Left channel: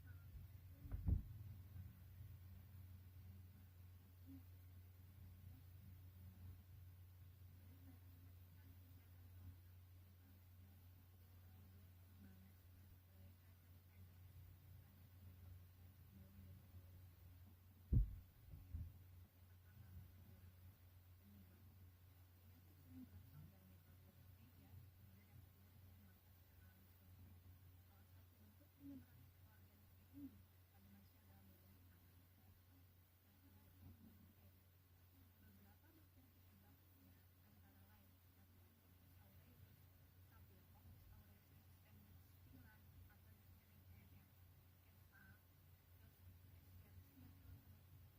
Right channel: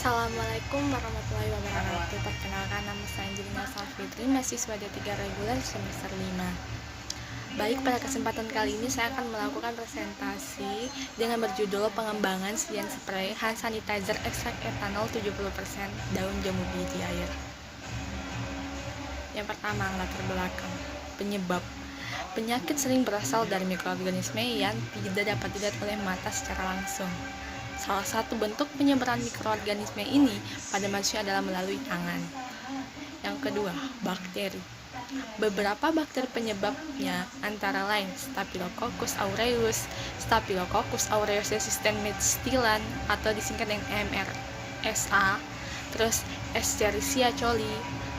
Assalamualaikum warahmatullahi wabarakatuh. Perkenalkan, nama saya Angelina Salfitri, mahasiswa D3 reguler semester 5. Baik, pada kesempatan kali ini saya akan melakukan presentasi dengan berjudul pengembangan sediaan spray hand sanitizer ekstrak etanol 70% daun jambu biji air. Yang pertama, latar belakang. Penyebab. Penyakit sering berasal dari mikroorganisme yang tidak dapat dilihat oleh mata secara langsung. Salah satu bentuk penyebaran mikroorganisme ini pada manusia adalah melalui tangan. Yang kedua, bakteri. Beberapa bakteri penyebabnya antara lain Staphylococcus aureus, Staphylococcus aureus resistant methylan atau disingkat dengan MRSA, terus Escherichia coli,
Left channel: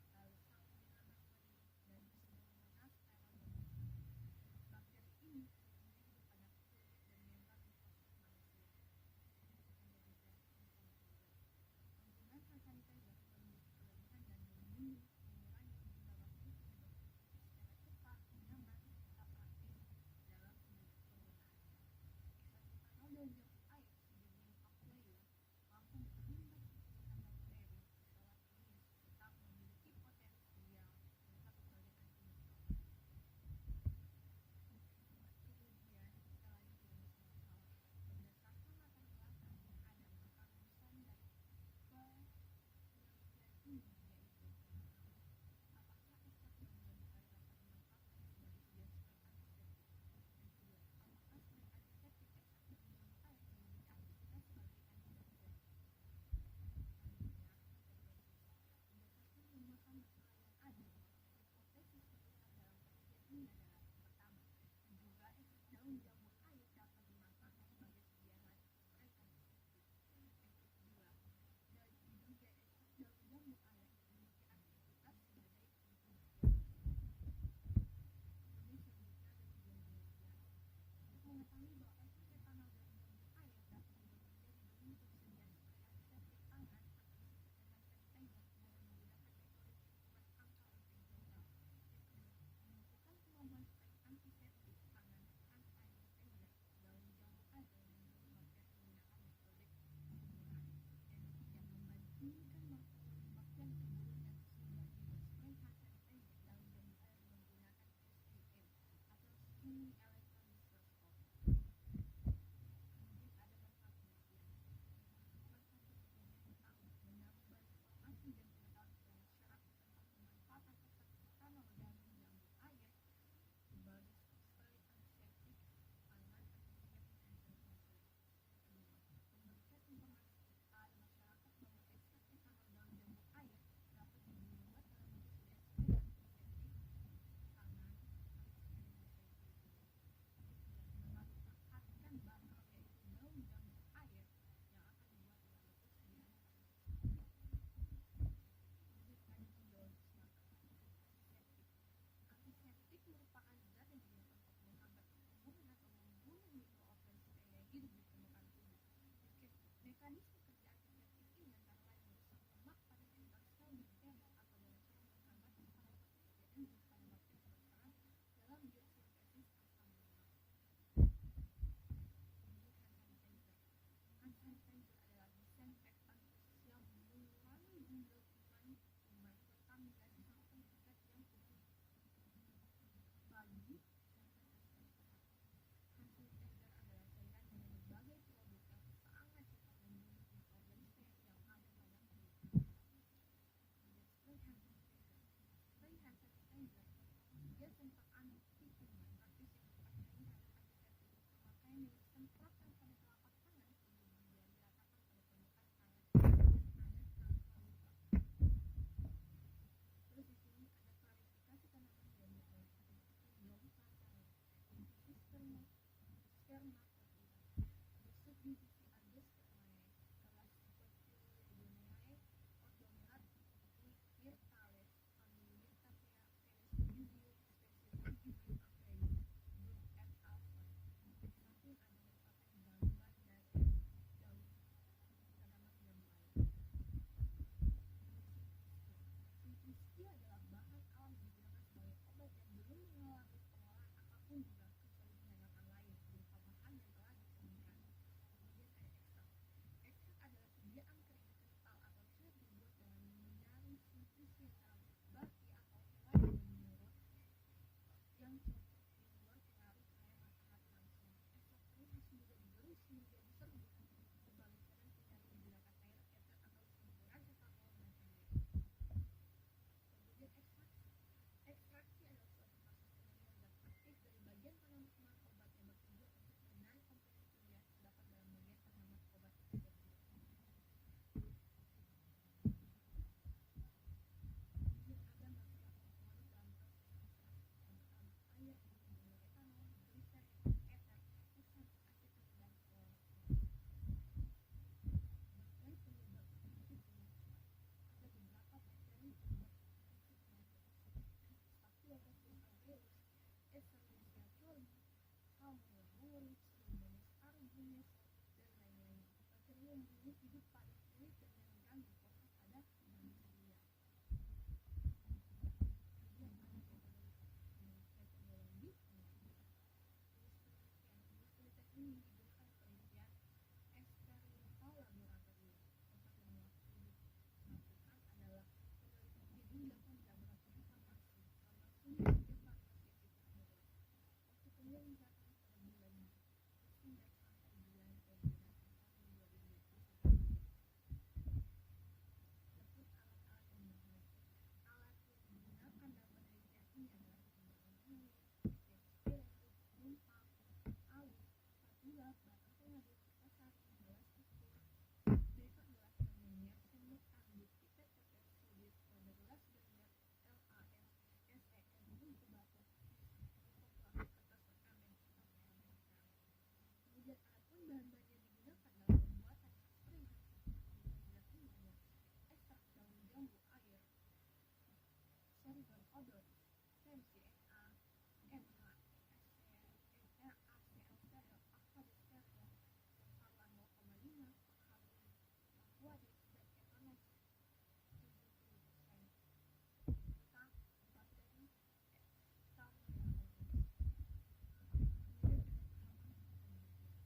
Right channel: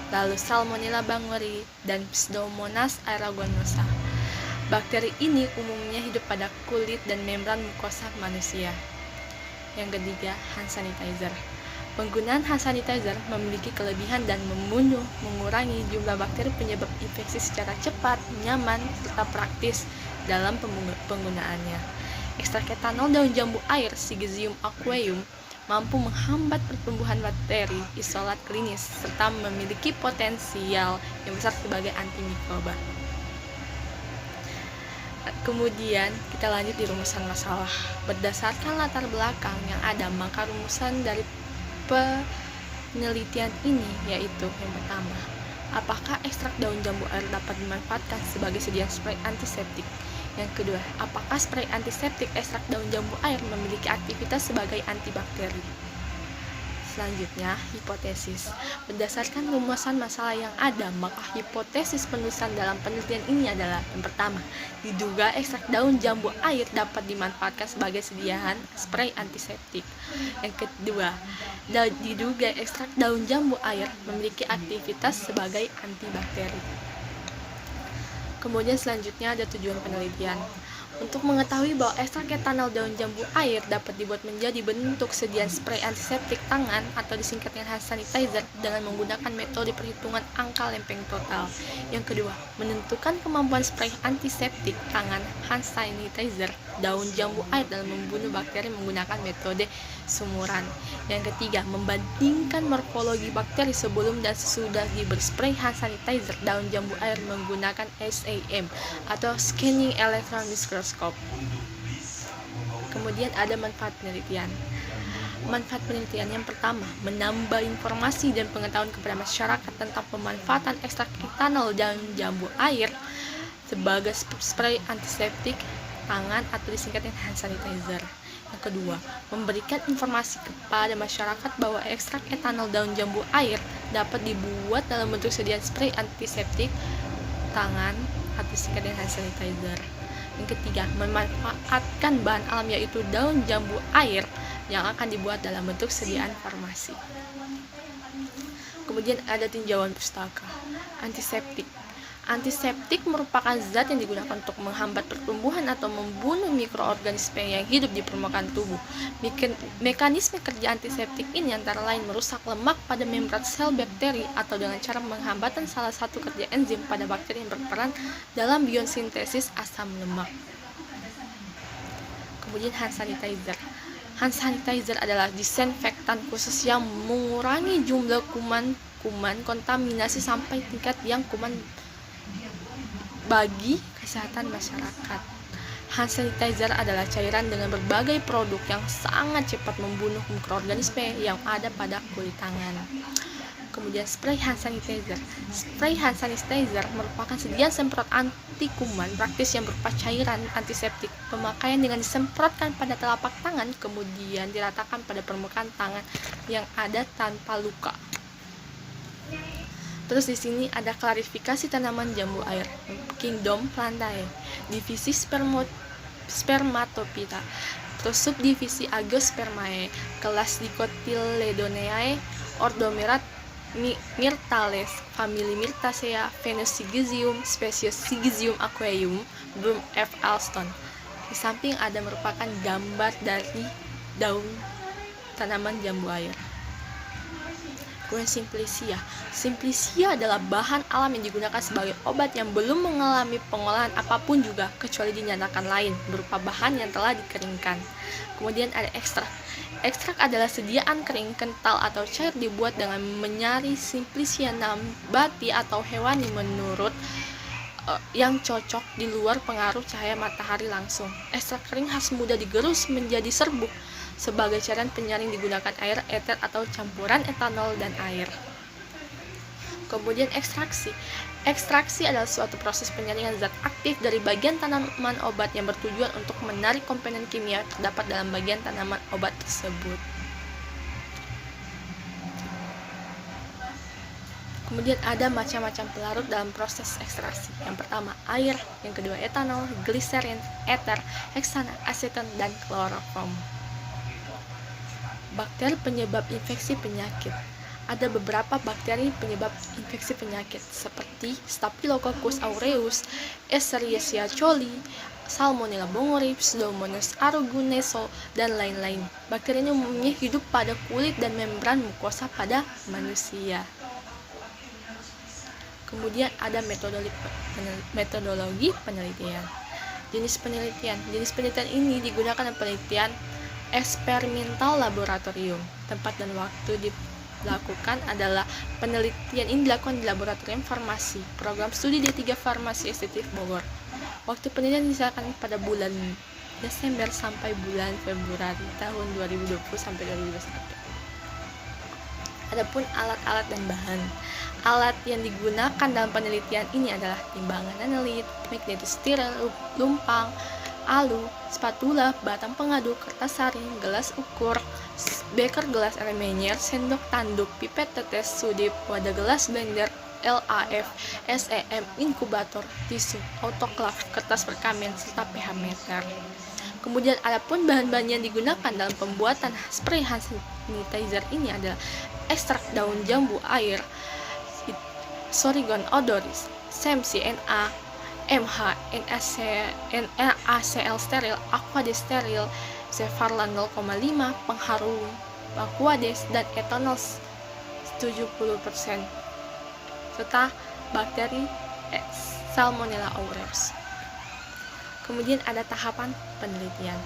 lalu Salmonella bangurii, dan Pseudomonas aeruginosa. Bakteri ini umumnya hidup pada kulit dan membran mukosa manusia. Yang ketiga, hand sanitizer. Penggunaan hand sanitizer memiliki kelebihan dan mengurangi jumlah bakteri penyebab infeksi secara cepat, nyaman, serta praktis dalam penggunaannya. Ekstrak etanol daun jambu air Syzygium aqueum mampu menghambat pertumbuhan bakteri isolat klinis serta memiliki potensial yang besar sebagai antimikroba. Kemudian kita lanjut di rumusan masalah. Berdasarkan latar belakang yang ada, maka rumusan dari penelitian ini yaitu yang pertama, apakah ekstrak daun jambu air dapat dimanfaatkan sebagai sediaan spray antiseptik? Yang kedua, apakah spray antiseptik ekstrak daun jambu air memiliki aktivitas sebagai antibakteri? Selanjutnya, hipotesis. Berdasarkan rumusan masalah yang ada, maka hipotesis penulisan dalam penelitian ini adalah yang pertama, diduga ekstrak daun jambu air dapat dimanfaatkan sebagai sediaan spray antiseptik. Yang kedua, diduga ekstrak daun jambu air memiliki aktivitas sebagai antibakteri. Kemudian selanjutnya ada tujuan penelitian. Untuk mengetahui bahwa ekstrak etanol daun jambu air dapat dibuat menjadi bentuk sediaan spray antiseptik tangan atau disingkat dengan hand sanitizer dengan menggunakan metode perhitungan angka lempeng total. Yang kedua, menentukan kemampuan spray antiseptik tangan hand sanitizer daun jambu air dalam membunuh bakteri menggunakan metode sumuran. Yang ketiga, membandingkan morfologi bakteri sebelum dan sesudah diberi spray hand sanitizer daun jambu air menggunakan SEM atau Scanning Electron Microscope. Kemudian ada manfaat penelitian. Manfaat penelitian yang pertama, menambah informasi dan pengetahuan kepada masyarakat tentang pemanfaatan ekstrak etanol dan jambu air sebagai spray antiseptik tangan atau disingkat dengan hand sanitizer. Yang kedua, memberikan informasi kepada masyarakat bahwa ekstrak etanol daun jambu air dapat dibuat dalam bentuk sediaan spray antiseptik tangan atau disingkat dengan hand sanitizer. Yang ketiga, memanfaatkan bahan alam yaitu daun jambu air yang akan dibuat dalam bentuk sediaan farmasi. Kemudian ada tinjauan pustaka. Antiseptik. Antiseptik merupakan zat yang digunakan untuk menghambat pertumbuhan atau membunuh mikroorganisme yang hidup di permukaan tubuh. Mekanisme kerja antiseptik ini antara lain merusak lemak pada membran sel bakteri atau dengan cara menghambatan salah satu kerja enzim pada bakteri yang berperan dalam biosintesis asam lemak. Kemudian hand sanitizer. Hand sanitizer adalah disinfektan khusus yang mengurangi jumlah kuman kontaminasi sampai tingkat yang kuman bagi kesehatan masyarakat. Hand sanitizer adalah cairan dengan berbagai produk yang sangat cepat membunuh mikroorganisme yang ada pada kulit tangan. Kemudian spray hand sanitizer. Spray hand sanitizer merupakan sediaan semprot anti kuman praktis yang berupa cairan antiseptik. Pemakaian dengan disemprotkan pada telapak tangan kemudian diratakan pada permukaan tangan yang ada tanpa luka. Terus di sini ada klarifikasi tanaman jambu air. Kingdom Plantae, divisi Spermatophyta, terus subdivisi Agiospermae, kelas Dicotyledoneae, ordo Myrtales, famili Myrtaceae, genus Syzygium, spesies Syzygium aqueum, Bloom F. Alston. Di samping ada merupakan gambar dari daun tanaman jambu air. Kemudian simplicia. Simplicia adalah bahan alam yang digunakan sebagai obat yang belum mengalami pengolahan apapun juga kecuali dinyatakan lain berupa bahan yang telah dikeringkan. Kemudian ada ekstrak. Ekstrak adalah sediaan kering, kental atau cair dibuat dengan menyari simplicia nabati atau hewani menurut yang cocok di luar pengaruh cahaya matahari langsung. Ekstrak kering harus mudah digerus menjadi serbuk. Sebagai cairan penyaring digunakan air, eter atau campuran etanol dan air. Kemudian ekstraksi. Ekstraksi adalah suatu proses penyaringan zat aktif dari bagian tanaman obat yang bertujuan untuk menarik komponen kimia terdapat dalam bagian tanaman obat tersebut. Kemudian ada macam-macam pelarut dalam proses ekstraksi. Yang pertama air, yang kedua etanol, gliserin, eter, heksana, aseton, dan kloroform. Bakteri penyebab infeksi penyakit. Ada beberapa bakteri penyebab infeksi penyakit seperti Staphylococcus aureus, Escherichia coli, Salmonella Bongori, Pseudomonas aeruginosa, dan lain-lain. Bakteri ini umumnya hidup pada kulit dan membran mukosa pada manusia. Kemudian ada metodologi penelitian. Jenis penelitian ini digunakan dalam penelitian eksperimental laboratorium. Tempat dan waktu dilakukan adalah penelitian ini dilakukan di laboratorium farmasi, program studi D3 Farmasi Estetik Bogor. Waktu penelitian diserahkan pada bulan Desember sampai bulan Februari tahun 2020 sampai 2021. Adapun alat-alat dan bahan. Alat yang digunakan dalam penelitian ini adalah timbangan analit, magnetostiril, lumpang, alu, spatula, batang pengaduk, kertas saring, gelas ukur, beker gelas air menyer, sendok tanduk, pipet tetes, sudip, wadah gelas blender, LAF, SEM, inkubator, tisu, autoklav, kertas perkamen, serta pH meter. Kemudian adapun bahan-bahan yang digunakan dalam pembuatan spray hand sanitizer ini adalah ekstrak daun jambu air, Sorigon odoris, SEM-CNA, MH, NaCl steril, Aquades steril, Zefarlan 0,5, pengharum Aquades, dan etanol 70%, serta bakteri Salmonella aureus. Kemudian ada tahapan penelitian.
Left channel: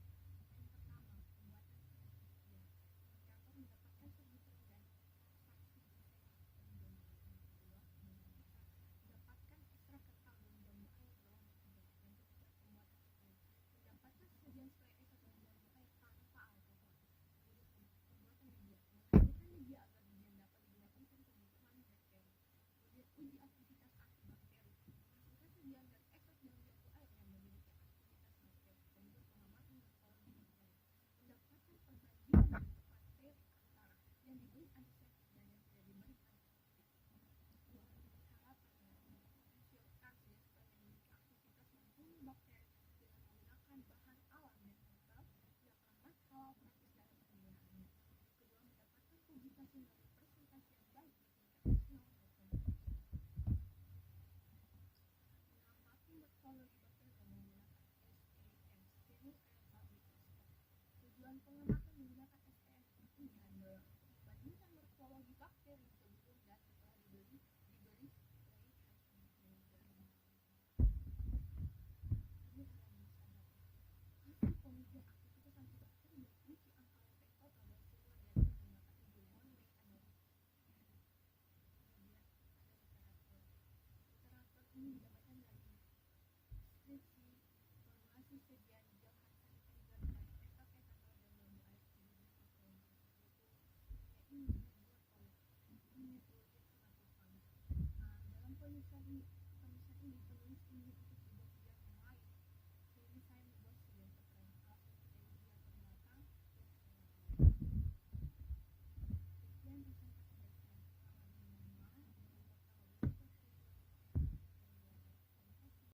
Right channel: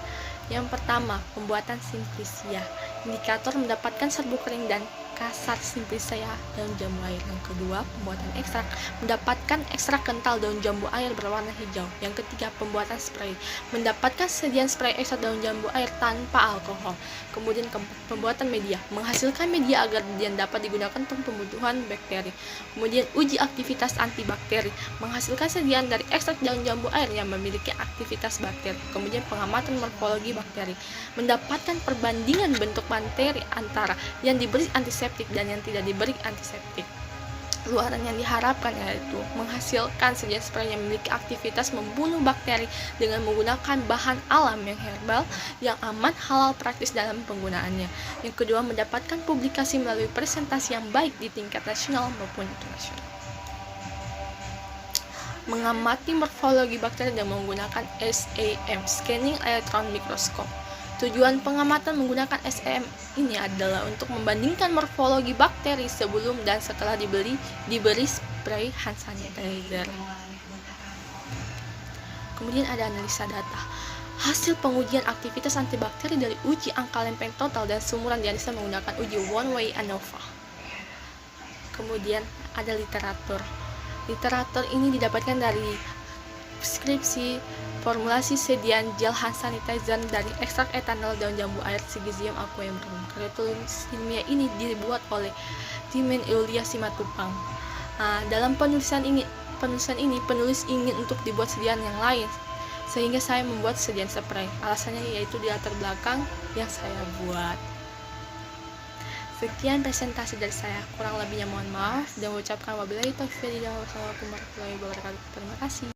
Yang pertama, pembuatan simplicia. Indikator mendapatkan serbuk kering dan kasar simplicia daun jambu air. Yang kedua, pembuatan ekstrak. Mendapatkan ekstrak kental daun jambu air berwarna hijau. Yang ketiga, pembuatan spray. Mendapatkan sediaan spray ekstrak daun jambu air tanpa alkohol. Kemudian pembuatan media. Menghasilkan media agar yang dapat digunakan untuk pembunuhan bakteri. Kemudian uji aktivitas antibakteri. Menghasilkan sediaan dari ekstrak daun jambu air yang memiliki aktivitas bakteri. Kemudian pengamatan morfologi bakteri. Mendapatkan perbandingan bentuk bakteri antara yang diberi antiseptik dan yang tidak diberi antiseptik. Luaran yang diharapkan yaitu menghasilkan sediaan spray yang memiliki aktivitas membunuh bakteri dengan menggunakan bahan alam yang herbal, yang aman, halal, praktis dalam penggunaannya. Yang kedua, mendapatkan publikasi melalui presentasi yang baik di tingkat nasional maupun internasional. Mengamati morfologi bakteri dengan menggunakan SEM, Scanning Electron Microscope. Tujuan pengamatan menggunakan SEM ini adalah untuk membandingkan morfologi bakteri sebelum dan setelah diberi spray hand sanitizer. Kemudian ada analisa data. Hasil pengujian aktivitas antibakteri dari uji angka lempeng total dan sumuran dianalisa menggunakan uji one-way ANOVA. Kemudian ada literatur. Literatur ini didapatkan dari skripsi formulasi sediaan gel hand sanitizer dari ekstrak etanol daun jambu air Syzygium aqueum. Karya tulis ilmiah ini dibuat oleh Timen Eulia Simatupang. Dalam penulisan ini penulis ingin untuk dibuat sediaan yang lain, sehingga saya membuat sediaan spray. Alasannya yaitu di latar belakang yang saya buat. Sekian presentasi dari saya, kurang lebihnya mohon maaf dan mengucapkan wabillahi taufiq wal hidayah. Wassalamualaikum warahmatullahi wabarakatuh. Terima kasih.